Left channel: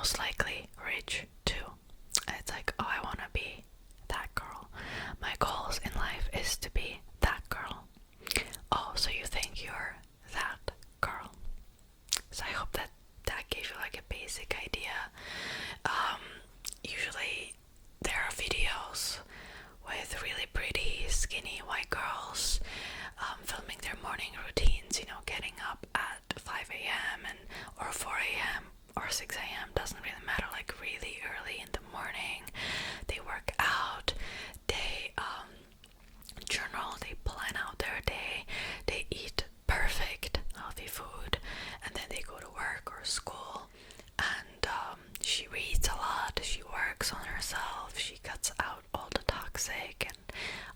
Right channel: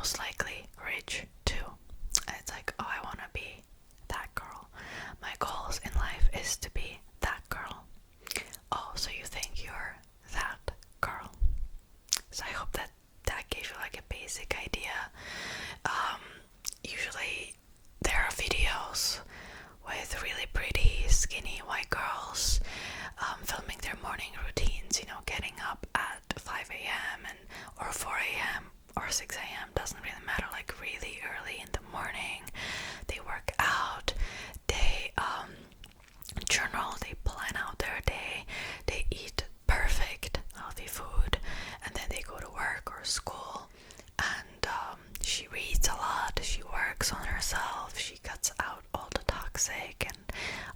most likely rich too. And it's like, oh, I want to be that girl. My goals in life is to be that girl. Oh, so you think you're that girl. So I hope that gave you like a basic idea. Usually there are videos with really pretty skinny white girls filming their morning routines, getting up at 5 a.m. or 4 a.m. or 6 a.m. doesn't really matter, like really early in the morning. They work out, they journal, they plan out their day, they eat perfect healthy food, and then they go to work or school. And she reads a lot, she works on herself, she cuts out all the toxic and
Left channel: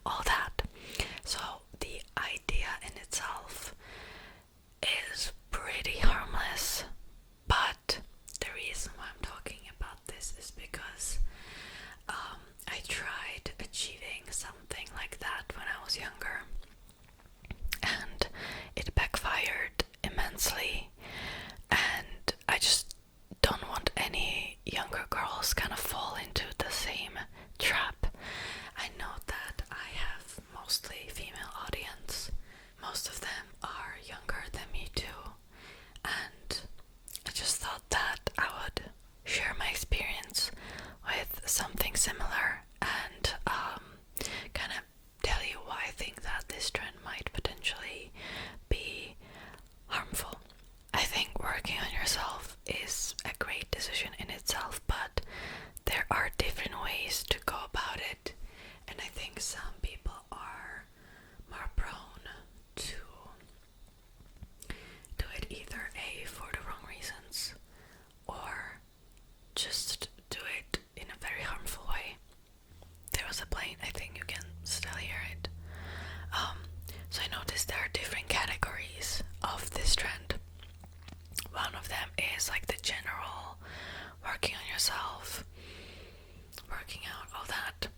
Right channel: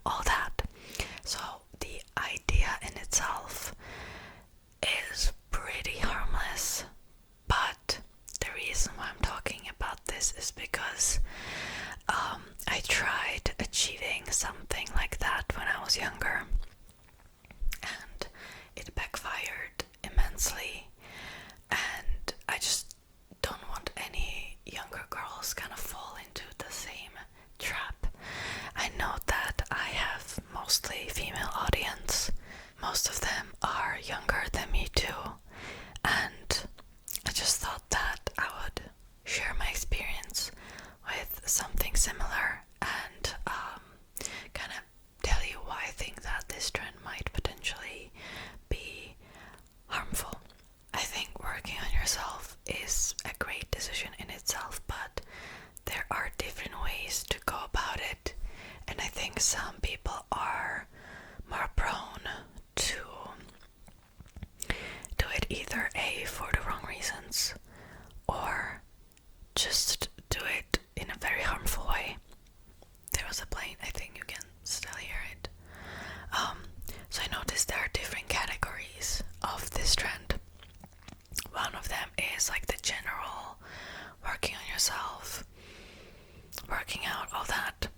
all that. So the idea in itself is pretty harmless, but the reason why I'm talking about this is because I tried achieving something like that when I was younger, and it backfired immensely, and I just don't want any younger girls kind of fall into the same trap. I know that I have mostly female audience. Most of them are younger than me too, and I just thought that I would share my experience with something similar and kind of tell you why I think that this trend might potentially be harmful. I think working on yourself is a great decision in itself, but there are different ways to go about it, and I think some people are more prone to do it either A, for the wrong reasons, or just do it in a very harmful way. There was a plane, I think you can still hear it. So I noticed there are different categories of this trend. One of them is like the general working on yourself, working out, all that.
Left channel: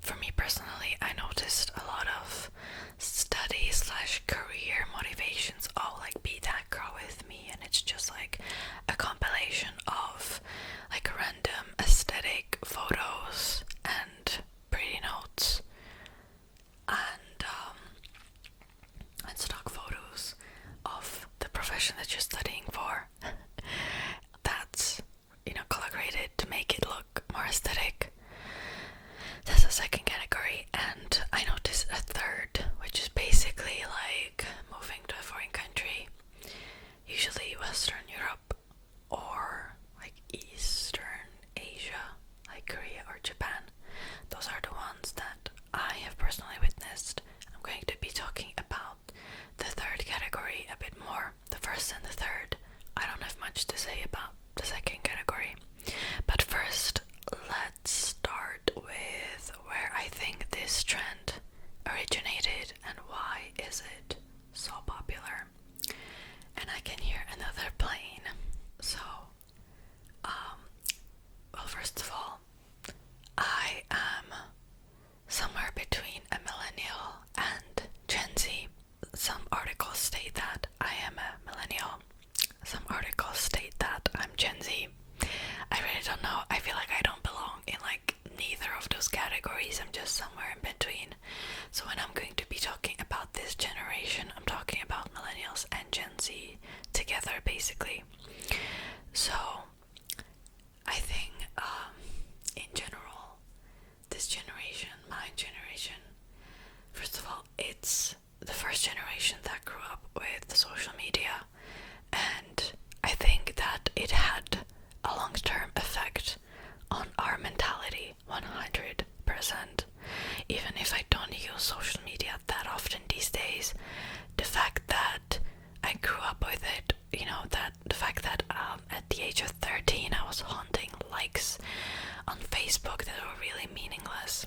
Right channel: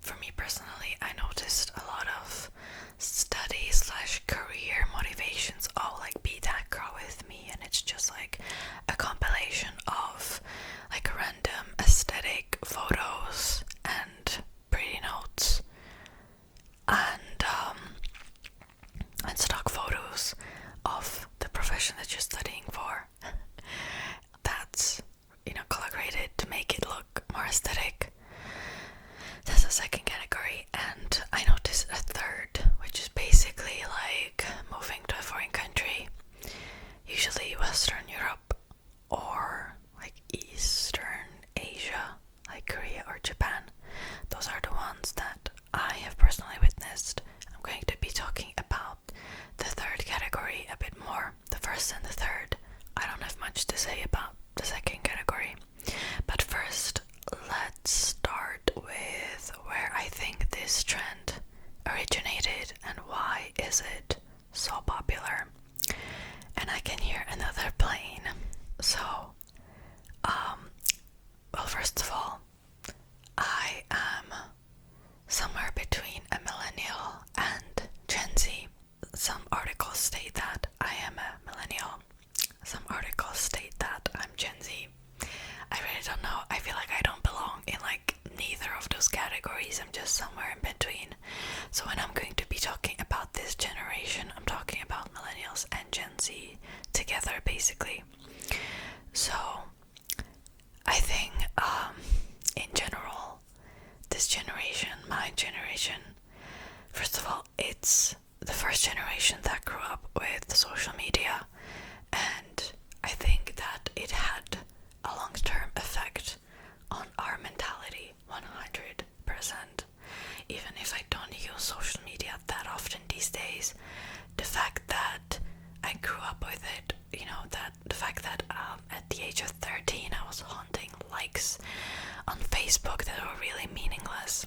For me personally, I noticed a lot of study/career motivations. Oh, like be that girl with me, and it's just like a compilation of like random aesthetic photos and pretty notes and stock photos of the profession that you're studying for. That's color graded to make it look more aesthetic. That's the second category, and I noticed a third, which is basically like moving to a foreign country, usually Western Europe or like Eastern Asia, like Korea or Japan. Those are the ones that I have personally witnessed. I'm going to be talking about the third category a bit more. The first and the third, I don't have much to say about the second category. But first, let's start with where I think this trend originated and why is it so popular. And I can hear another plane. So, well, first of all, I am somewhere between a millennial and Gen Z. Some articles state that I am a millennial. Some articles state that I'm Gen Z. I really don't know. I feel like I don't belong in like neither of those categories. I'm just somewhere in between. So when I'm going to be talking about this generation, I'm talking about millennials and Gen Z together basically. So I think in general, this generation, my generation, first of all, it's the first generation that grew up with social media, and I think that it had a long-term effect on our mentality, 100%. Even if I don't use social media that often these days, the fact that I grew up with it, that the fact that at the age of 13 I was hunting likes on Facebook that were really meaningless,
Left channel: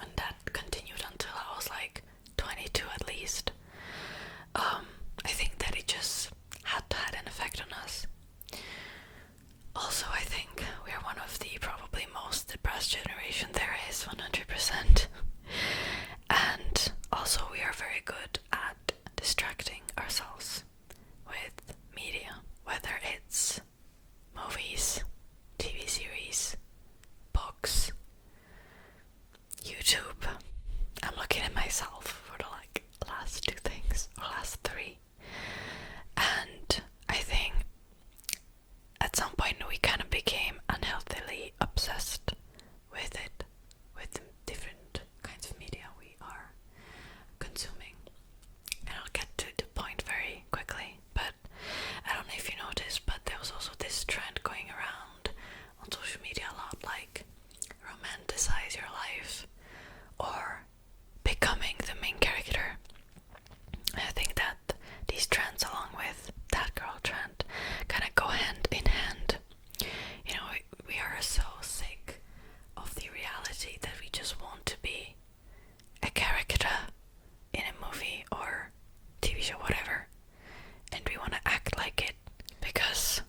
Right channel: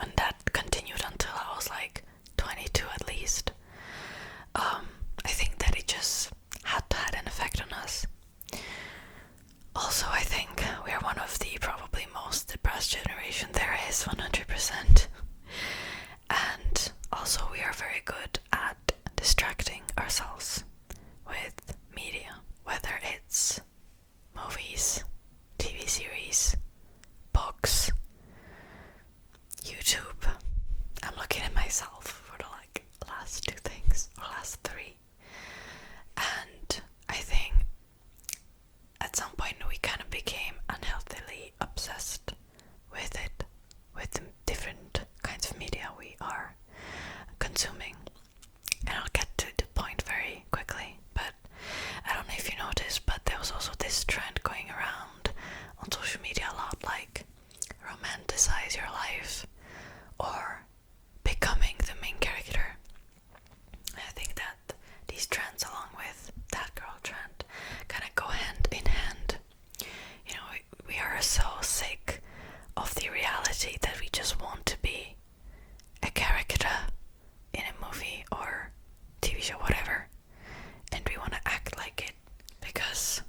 and that continued until I was like 22 at least. I think that it just had an effect on us. Also, I think we are one of the probably most depressed generation there is, 100%. And also we are very good at distracting ourselves with media, whether it's at some point we kind of became unhealthily obsessed with it, with the different kinds of media we are consuming. And I'll get to the point very quickly, but I don't know if you noticed, but there was also this trend going around on social media a lot, like romanticize your life or becoming the main character. And I think that these trends, along with that girl trend, kind of go hand in hand. You know, we are so sick of the reality that we just want to be a character in a movie or TV show, whatever, and we want to act like it because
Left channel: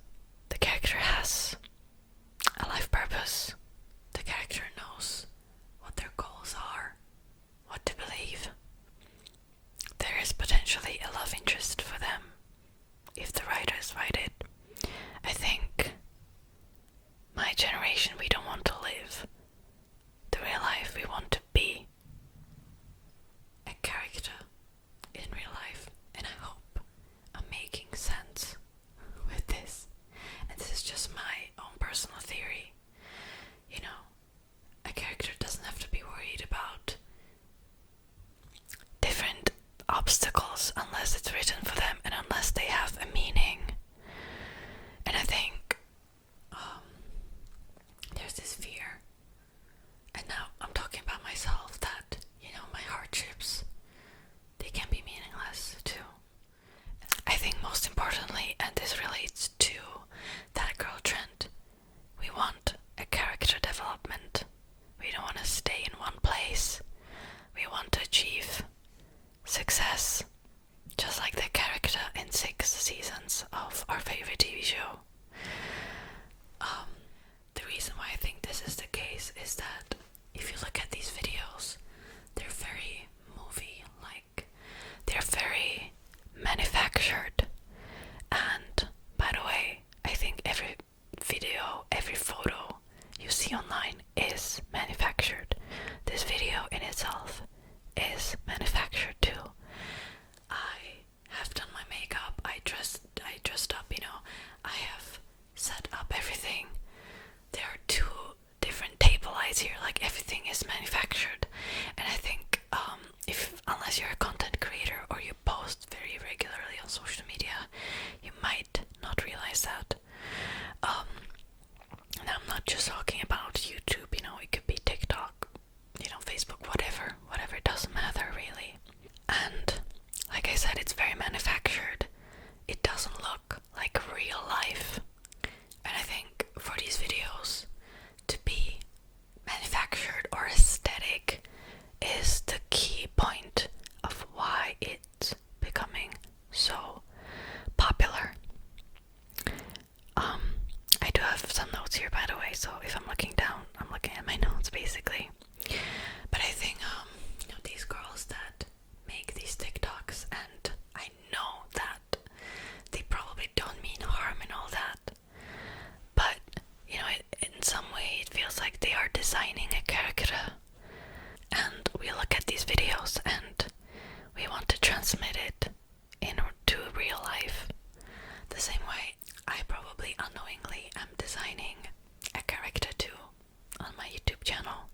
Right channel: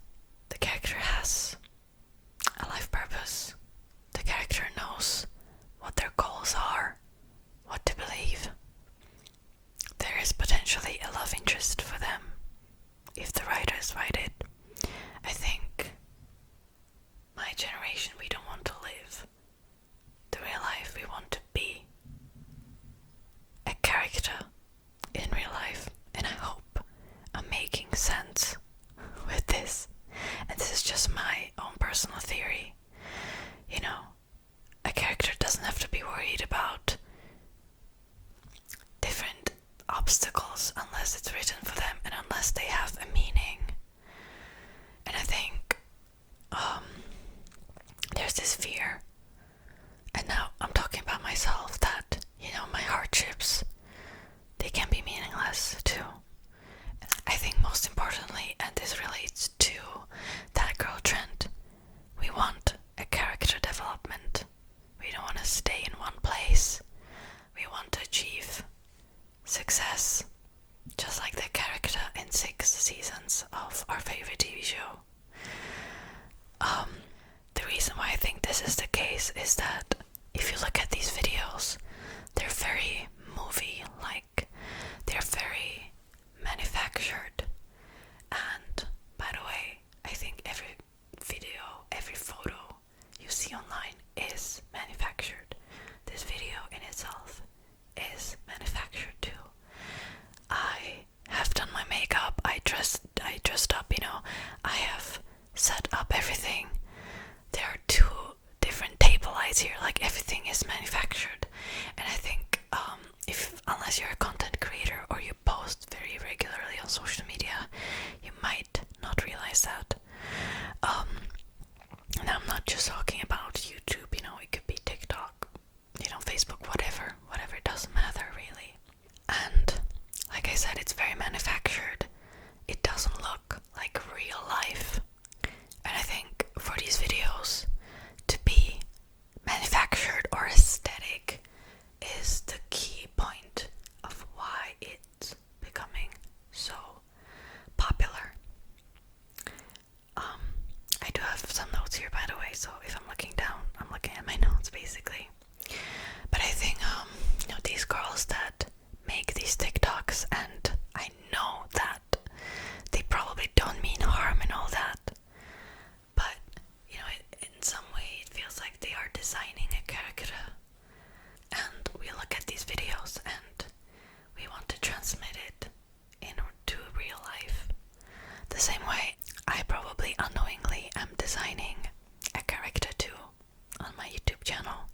the character has a life purpose. The character knows what their goals are, what to believe. There is potentially a love interest for them if the writers write it. I think my generation, we don't want to live the real life. We want to be a character in real life, and I hope I'm making sense with this. And this is just my own personal theory. You know, a character doesn't have to be worried about different obstacles unless it's written for them and unless they have a meaning. And I think there's this fear, and now I'm talking about myself, that, you know, my hardships, they can be meaningless too. I think most importantly, and this relates to that girl trend, we want a character development. We don't want to stay in one place. We want to achieve success, just like the character in 6 seasons of our favorite TV show. The reason why I think this is the case is that if you look at these videos, they're very movie-like. They're very manufactured. And by the way, I think every video, every photo you see online is manufactured. This video in itself is manufactured too. I have done my makeup, I dressed up, you know, I have set up everything. There are 2 different table lights here, like everything is manufactured. And I think unless you're a content creator or you post very regularly on social media, you might not realize that. And I'm not just talking about YouTube, you know, it could be TikTok, you know, Facebook, whatever, it doesn't matter really. And like I said, it's very manufactured. It doesn't look like real life. And I think for these videos to be manufactured or aesthetic is the key point of why it's becoming so popular. I do have some notes here, by the way, so if I'm looking down, I'm looking at my notes basically. But I think you know, these girls that make these TikToks, and I know that they probably don't mean harm and all that, but you know, in some way it feels like they are designing a character, and we look at these videos and we want to transmit it into real life. The same way I probably unknowingly am designing a character too on my YouTube channel.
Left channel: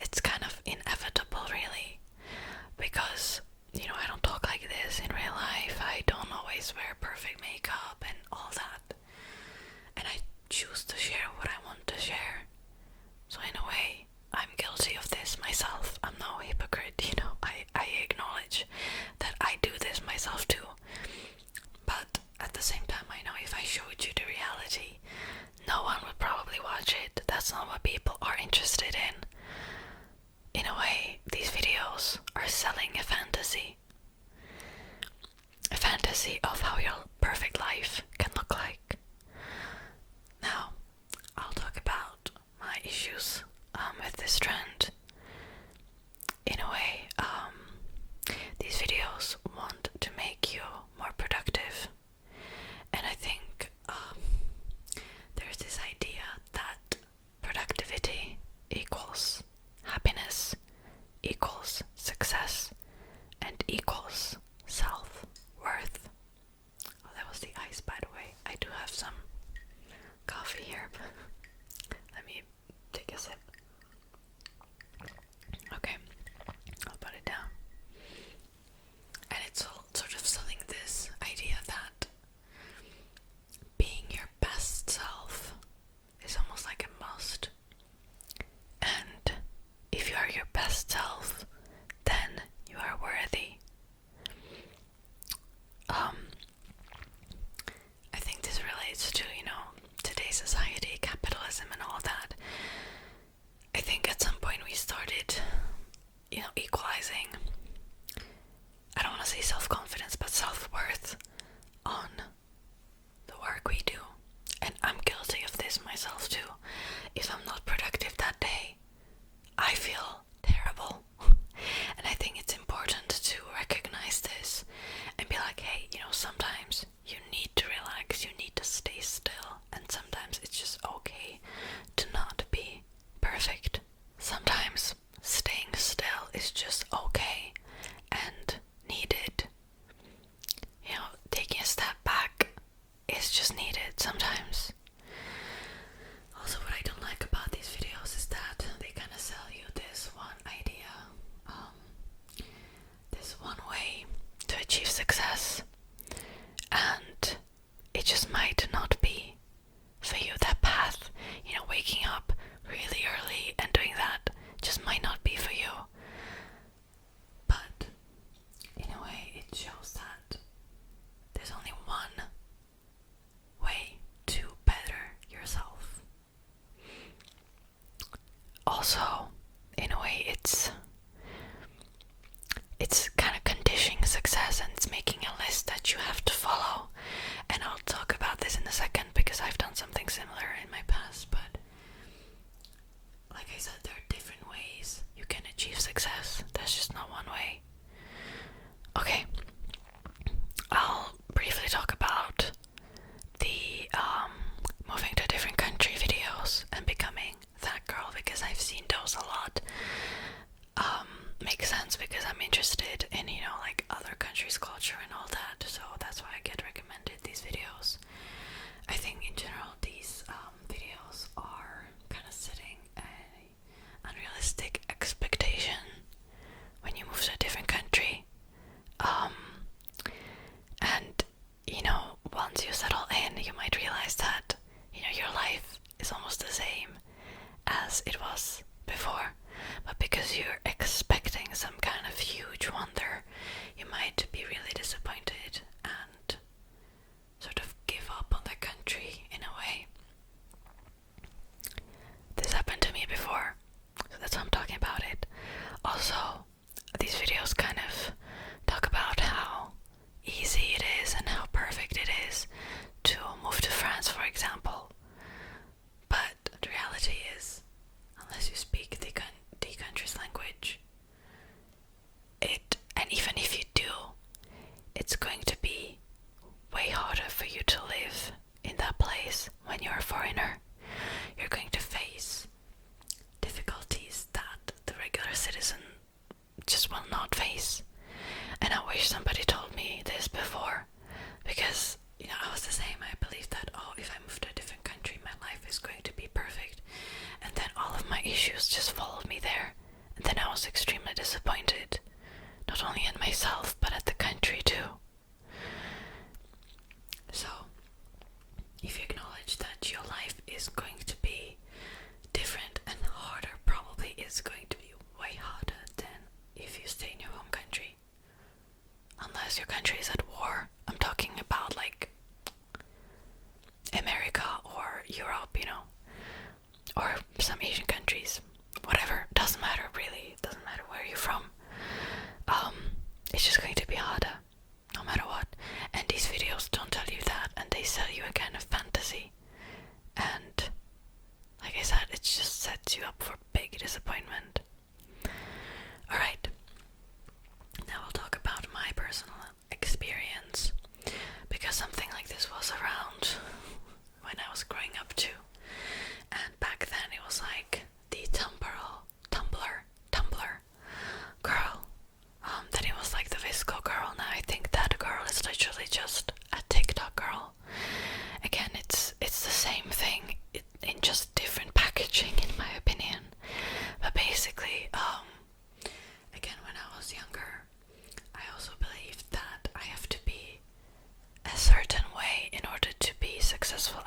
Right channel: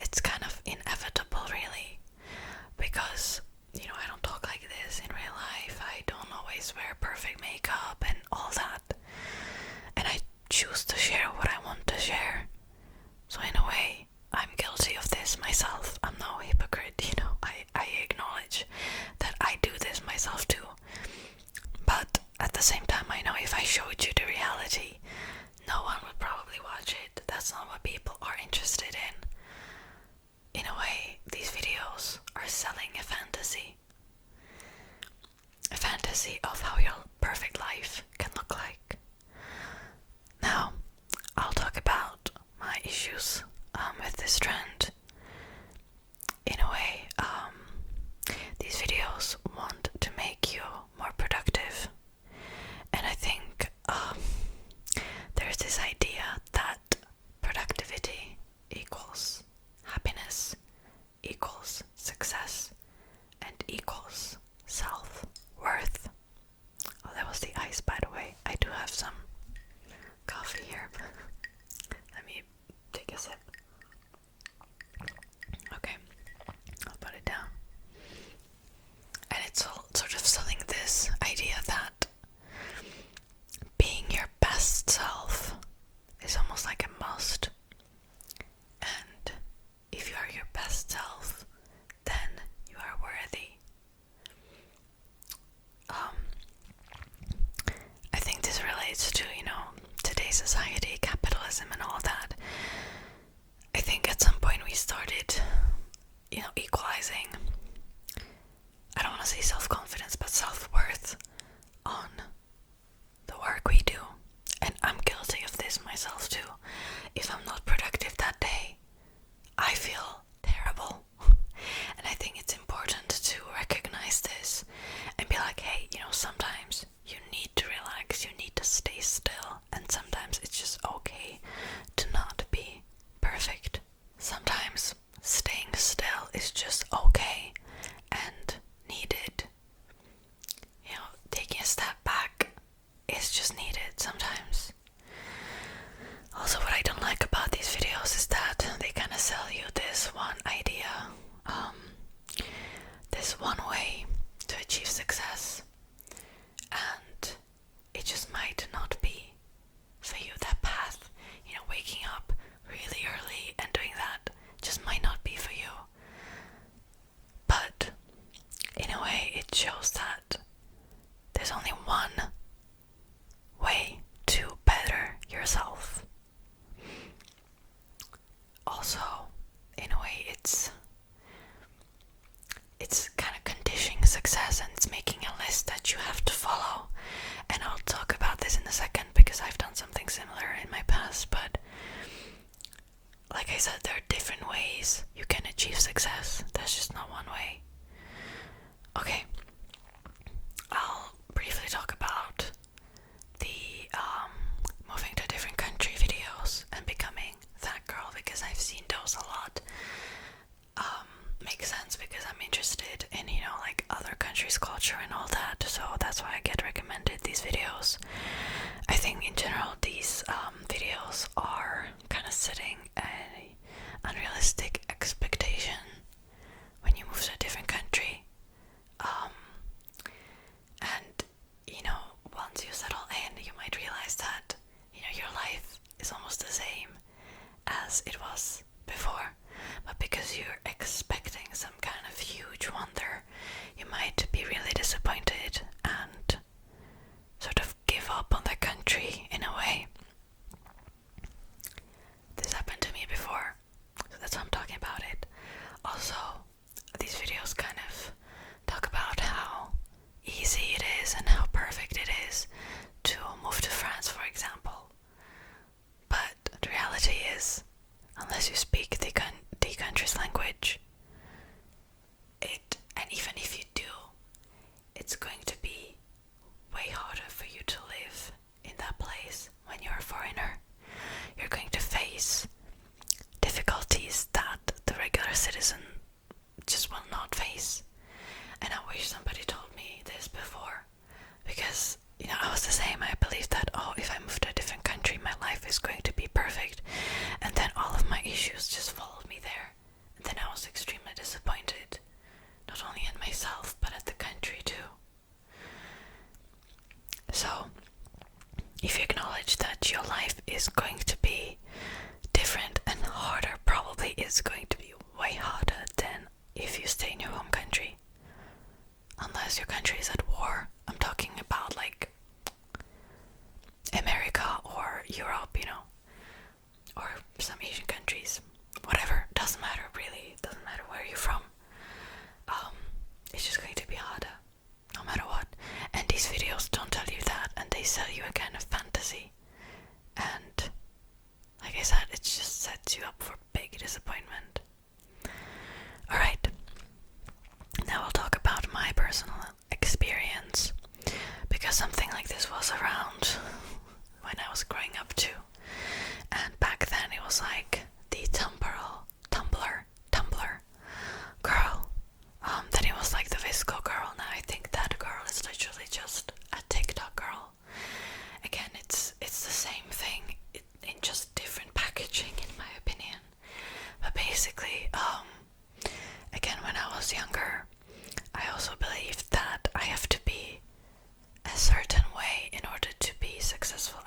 It's kind of inevitable really, because you know, I don't talk like this in real life. I don't always wear perfect makeup and all that, and I choose to share what I want to share. So in a way, I'm guilty of this myself. I'm no hypocrite, you know. I acknowledge that I do this myself too. But at the same time, I know if I showed you the reality, no one would probably watch it. That's not what people are interested in. In a way, these videos are selling a fantasy. A fantasy of how your perfect life can look like. Now, I'll talk about my issues with this trend. In a way, these videos want to make you more productive. And I think there's this idea that productivity equals happiness, equals success, and equals self-worth. Oh, that was the ice, by the way. I do Let me take a sip. Okay, I'll put it down. And it's all sort of selling this idea that being your best self is almost like a must. And if you are your best self, then you are worthy. I think this relates to, today's society, capitalism and all that. I think at some point we started, equalizing, I don't want to say self-confidence, but self-worth on the work we do. And I'm guilty of this myself too. If I'm not productive that day, I feel terrible. And I think it's important to recognize this and be like, hey, sometimes you need to relax, you need to stay still, and sometimes it's just okay to not be perfect. Sometimes staying still is just okay and needed. Taking a step back is just needed sometimes. Also, what I don't like about these videos is that they kind of sell you this one idea, this one way to achieve success, and it just might not be for you. That path, waking up really early and doing that just might not be for you. But in a way, it shows that there's only one way to better yourself. Also, in a way, it's kind of conditioning success, and it's making a list that you have to follow. And I'll talk about this in a second because I've done something similar in my past. But like I said, there are different ways you can achieve success. There's just not one way. Okay, I'll briefly talk about the moving to a different country videos and becoming that girl, because I've seen those a lot. Makes sense because I'm interested in, like other countries' culture and all that, so that's why I get recommended these videos. I think in general these videos are kind of setting an unrealistic expectation when you move to a different country. And once you settle in, you might realize that your life is almost the same as it was before, but because you're expecting some kind of huge wonder, you might be really disappointed and sort of give up on the country in a way. This happened to me before, so that's why I'm talking about it. Also, these videos kind of talk about how easy it is and how perfect it is to move to France, for example. But the reality is, unless you speak the country's language, and even if you do, it's going to be way harder for you to live in that place when you're a foreigner. You're going to face difficulties that the regular citizen just will not face. And I wish somebody told me this before, because I was the same. I believed that, if I move to a different country, my life is going to be perfect, and then all of my issues just followed me there, and then I was extremely disappointed, not only in myself but at the country too. So if you acknowledge that your life is going to be different and harder, probably it's going to be way harder than if you stay in your home country, unless your country is at war. I'm talking about like America or Europe, or some Asian countries, whatever, doesn't matter really, doesn't matter where you're from. It's just going to be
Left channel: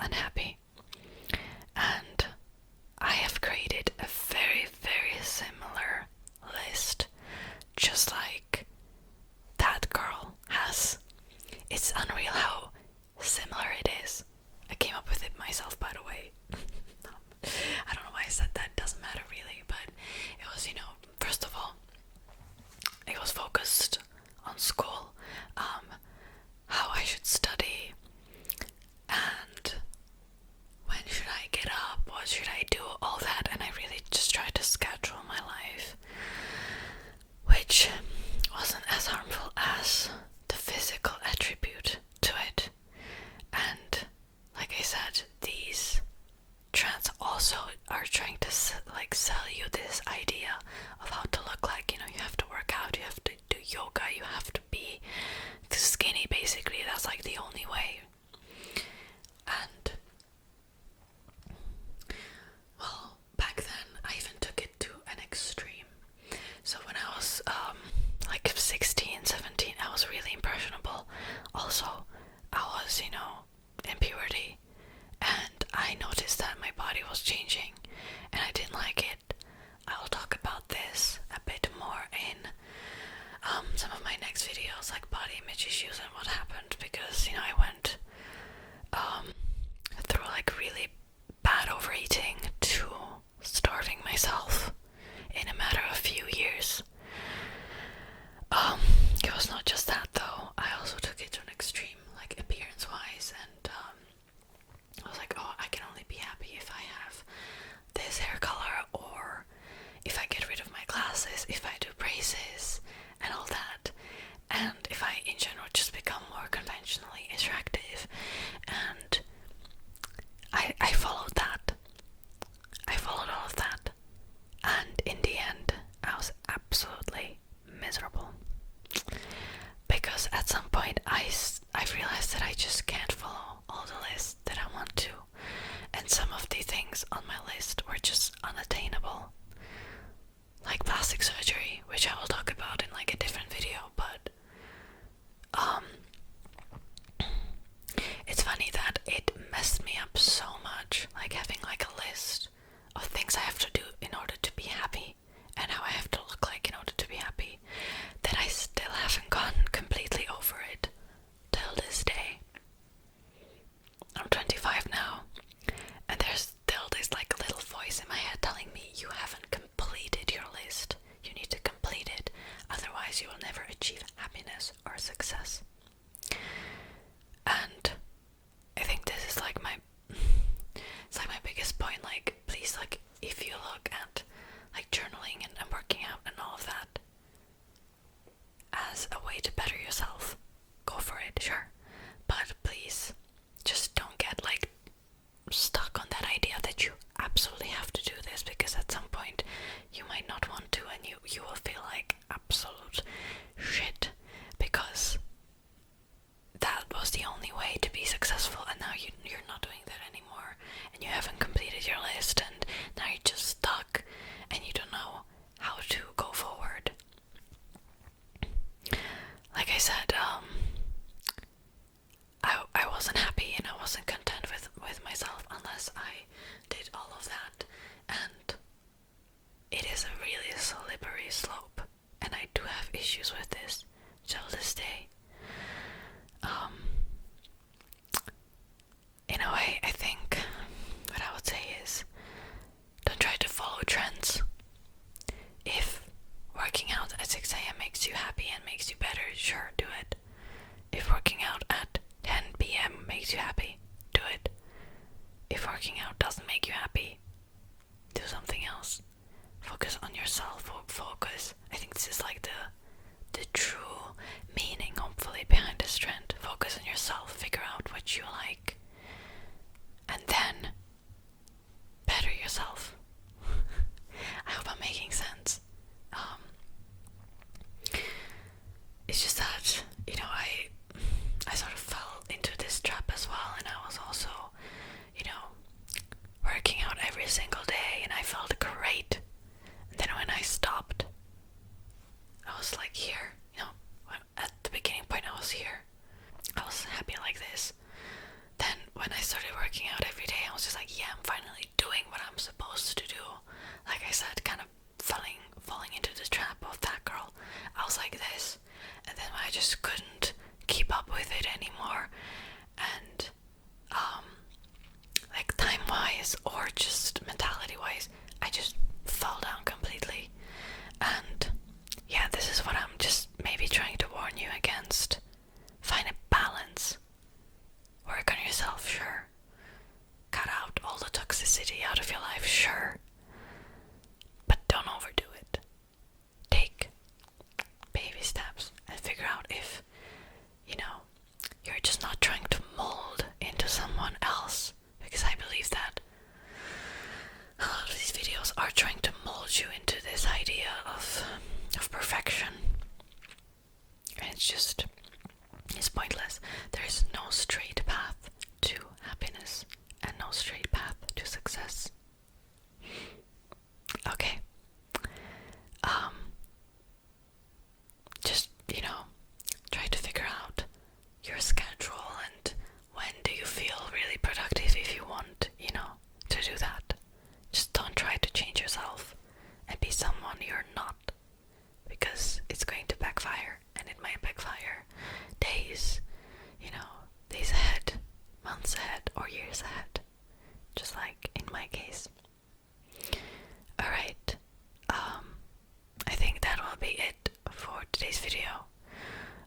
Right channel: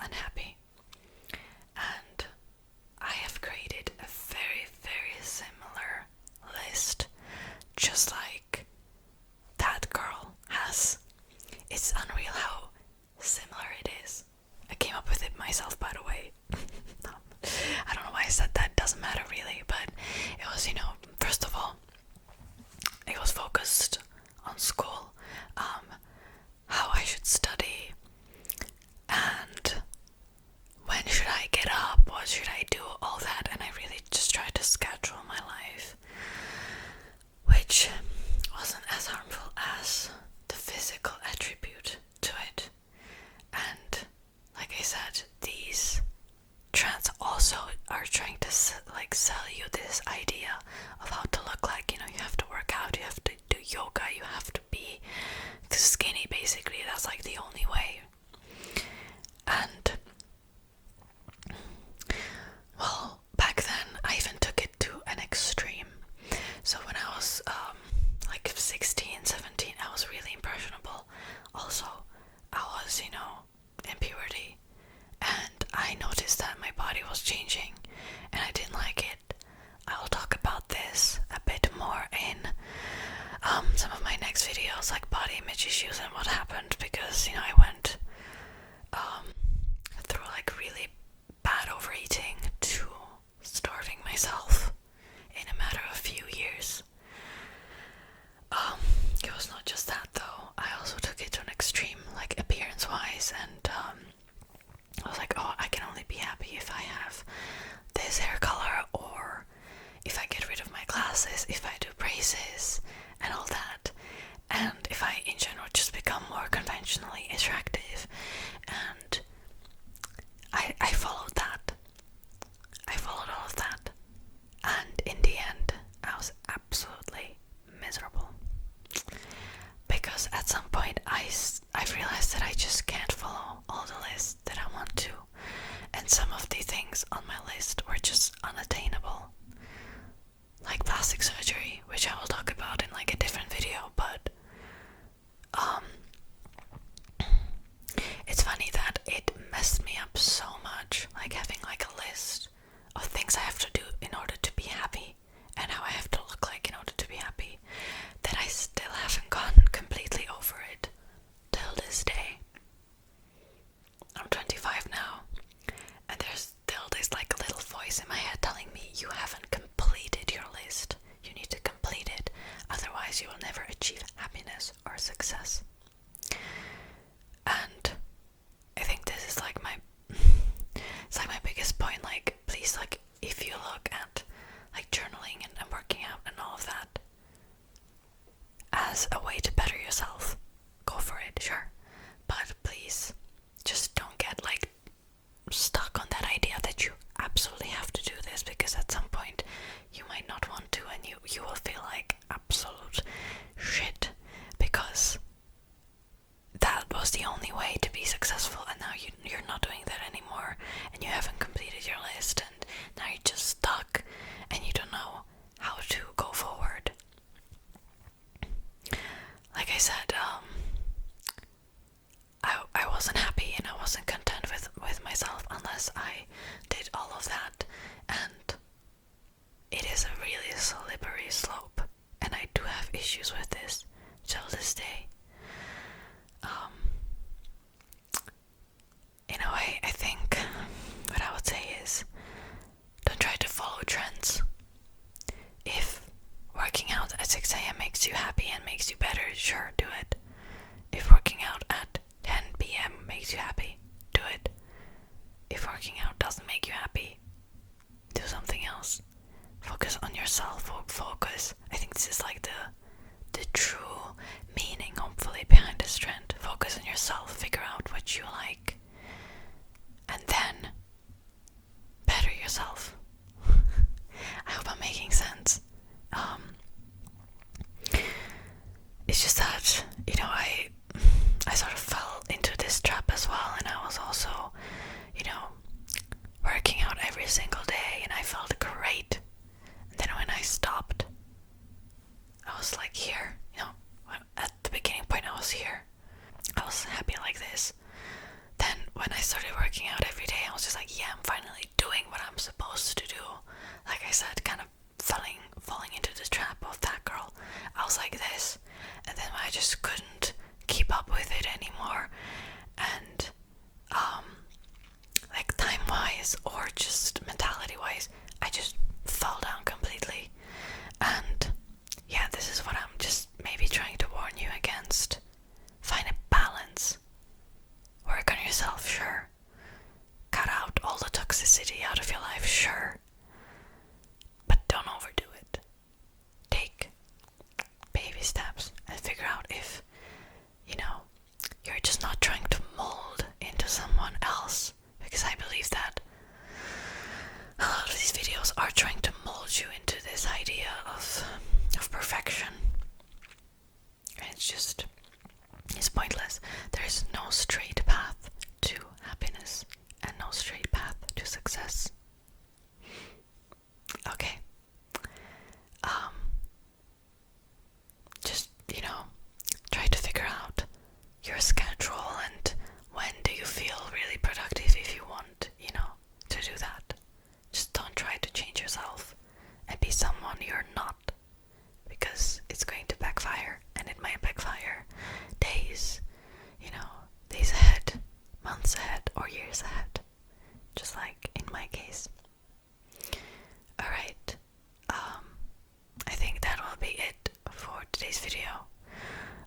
unhappy. And I have created a very, very similar list, just like that girl has. It's unreal how similar it is. I came up with it myself, by the way. I don't know why I said that, doesn't matter really, but it was, first of all, it was focused on school, how I should study, and when should I get up, what should I do, all that, and I really just tried to schedule my life, which wasn't as harmful as the physical attribute to it. And like I said, these trends also are trying to sell you this idea of how to look like. You have to work out, you have to do yoga, you have to be skinny, basically. That's like the only way. And well, back then I even took it to an extreme. So when I was 16, 17, I was really impressionable. Also, I was, in puberty, and I noticed that my body was changing, and I didn't like it. I will talk about this a bit more in some of my next videos, like body image issues and what happened, because I went through really bad overeating to starving myself in a matter of few years. It was not just that though. I also took it to an extreme, appearance wise, and I was like, oh, I can only be happy if I have this hair color, or if I get rid of my glasses, if I do braces and all that, and if I in general just become more conventionally attractive. And I followed that. I followed all of that, and in the end I was absolutely miserable, because at some point I realized that I just can't follow all the lists that I want to, and some of the things on my list were just unattainable, like plastic surgery, which I will talk about in a different video. But it's funny that it messed me up so much, having a list of things I have to do in order to be happy, and how I have to look like in order to be happy, that I still haven't gotten completely over it till this day. I'm 25 now, and there's still this little voice in my head telling me, you haven't completed your list, you need to complete it, otherwise you will never achieve happiness or success. And I think this is my biggest point. Please, if you look at journaling and working out and all of that as a way to better yourself, go for it, sure, but please just don't get stuck on that idea that you absolutely have to do this, because at some point you might not want to, and you will feel like absolute shit, because that was the only way to be successful, and now you're not doing that anymore, and you haven't completed your list, and now you're just stuck, and you don't know how to go forward. Like I said, I wasn't happy, and I wasn't content with myself unless I did all of that, and it is a really slippery slope, and I do have issues with this till this day. In a way, I think what I would say is, don't try to follow trends. If working out at 6 a.m. makes you happy and makes you better, sure, do it. If working out at 10 p.m. makes you happy, do it. If working out doesn't make you happy, do something else. Focus on yourself. Focus. I think this is the true meaning, hopefully, behind this trend. Focus on yourself. Figure out what you like, and then better yourself. I hope I'm making sense. It's just that, I sort of fell into this trap as well, and I was also, working out every single day, and I felt great. And then when I stopped, I was here, at the beginning point I was here. I was happy like this. Then when I started working out wise or just mentality wise, I just fell down completely. And yeah, this is what I'm just maybe trying to warn you against. Find a balance. Work on yourself, sure. Cut out all the toxicity out of your life, sure. But don't overdo it. Take baby steps and figure out if, you're just not trying to mold into someone else. Because I believe that a lot of these videos are trying to mold you into this idea of perfection. And it's pointless. There's no straight path to happiness and no straight path to success. Okay. Just, try to figure out your schedule and when do you feel really productive if you want, to do that. Just don't try to change yourself and be someone you're not, because it's going to backfire, and it might backfire days ahead, months ahead, or years ahead, just like in my case. Alright, I think that will be it for today's video.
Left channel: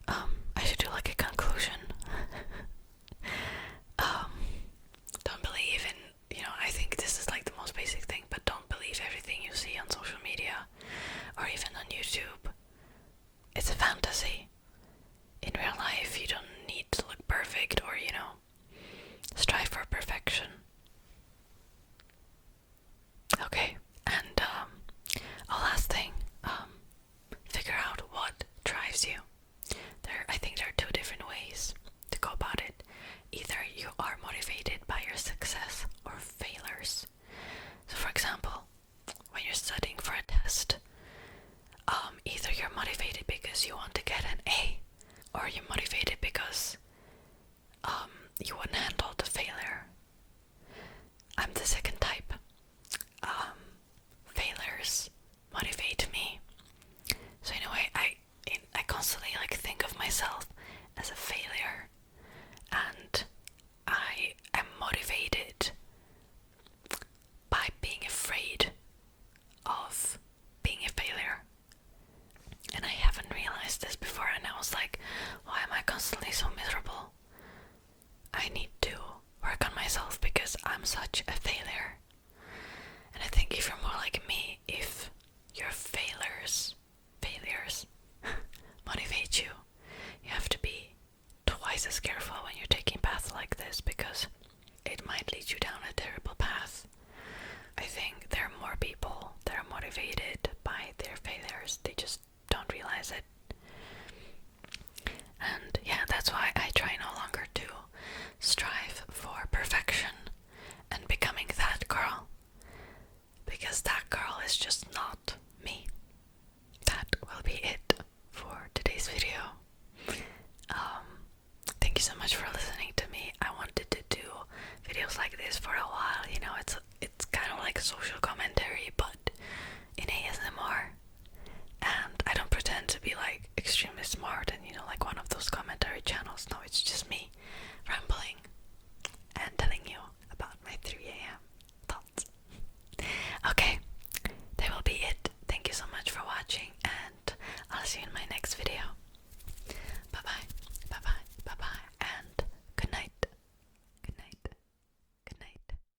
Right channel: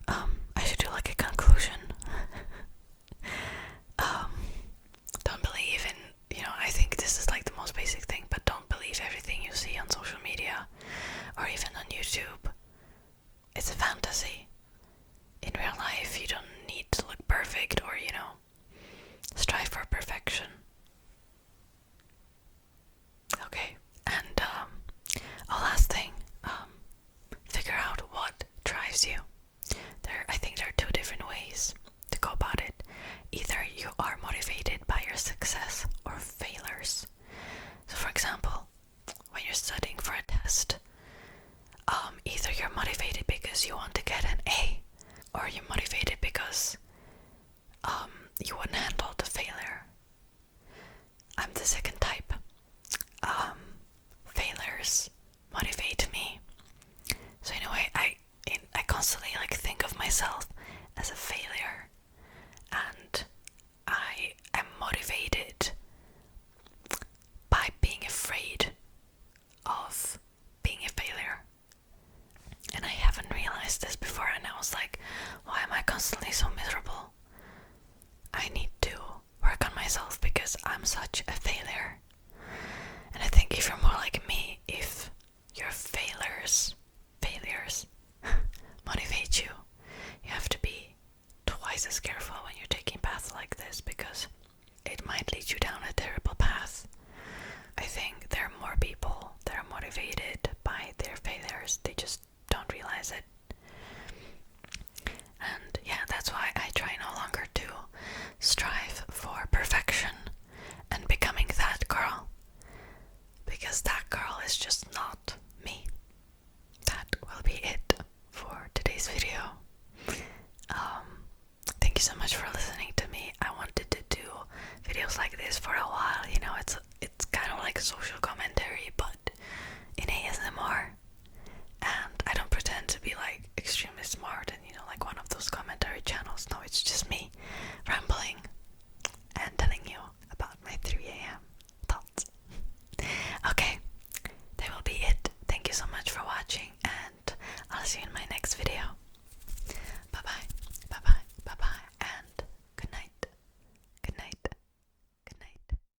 I should do like a conclusion. Don't believe in, I think this is like the most basic thing, but don't believe everything you see on social media or even on YouTube. It's a fantasy. In real life, you don't need to look perfect or, strive for perfection. Okay, and a last thing, figure out what drives you. I think there are two different ways to go about it. Either you are motivated by your success or failures. So for example, when you're studying for a test, either you're motivated because you want to get an A, or you're motivated because you wouldn't handle the failure. I'm the second type. Failures motivate me. So in a way, I constantly think of myself as a failure, and I am motivated by being afraid of being a failure. And I haven't realized this before, and I was like, why am I constantly so miserable? I need to work on myself because I'm such a failure. And I think if you're more like me, if your failures motivate you, you have to be twice as careful when you're taking paths like this, because it might lead you down a terrible path. I think there are more people that are motivated by their failures. They just don't realize it. And yeah, that's why I try no longer to strive for perfection and becoming that girl, because that girl is just not me. That will be it for today's video. Thank you so much for listening to me. I wanted to do videos like this for a while. It's kind of like a social commentary, but in ASMR. And I don't pretend to be like extremely smart and like one of those commentary channels. No, it's just me rambling